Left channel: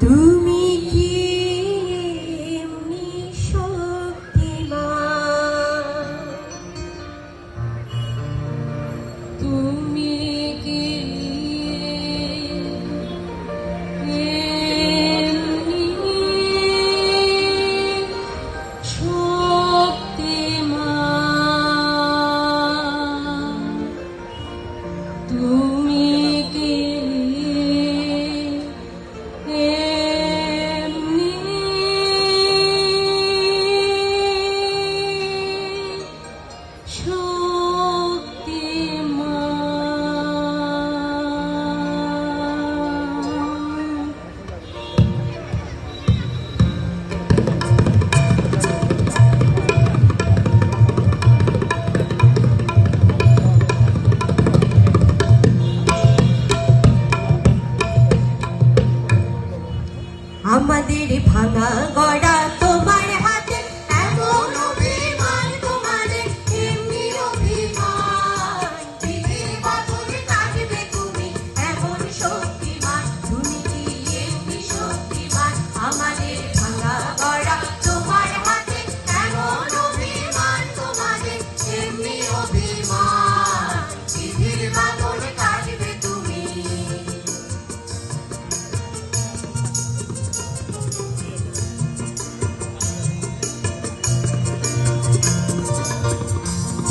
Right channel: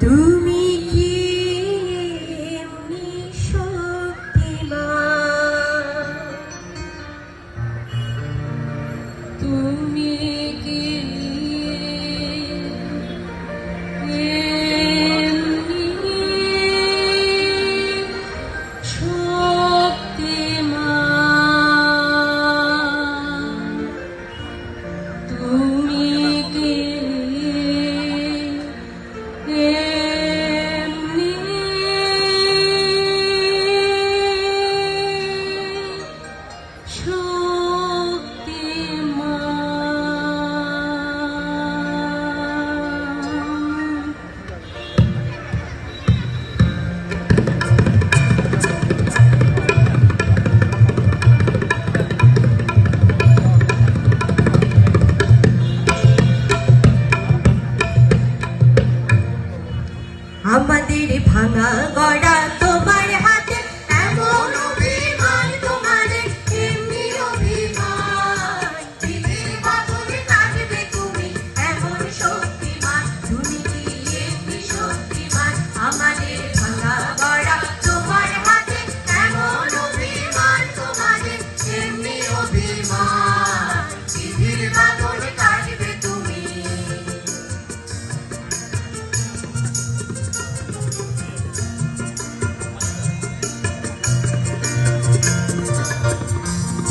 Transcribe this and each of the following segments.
তুমি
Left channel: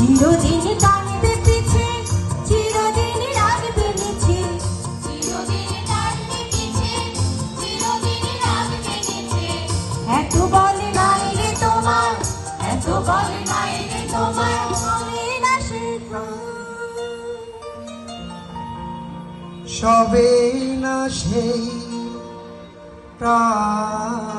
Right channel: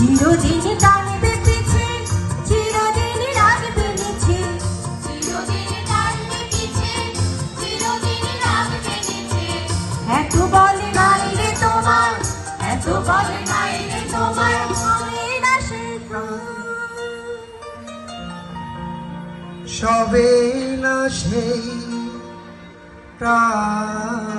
চিরদিন টানবে পিছে, চিরদিন রাখবে নিচে। চিরদিন টানবে পিছে চিরদিন রাখবে নিচে এত বলে নাই তোমার, এত বলে নাই তোমার মনে না সবে না সেই প্রাণ।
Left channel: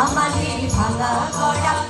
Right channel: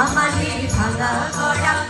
আমাদের ভাঙা গড়া তোমার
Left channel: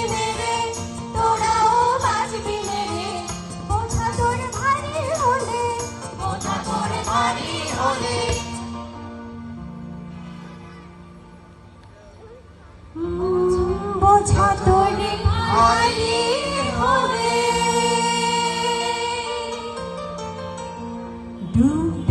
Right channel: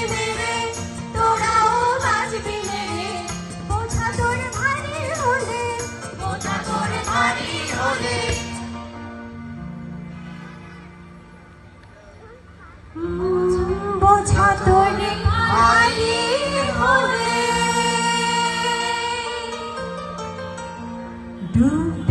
do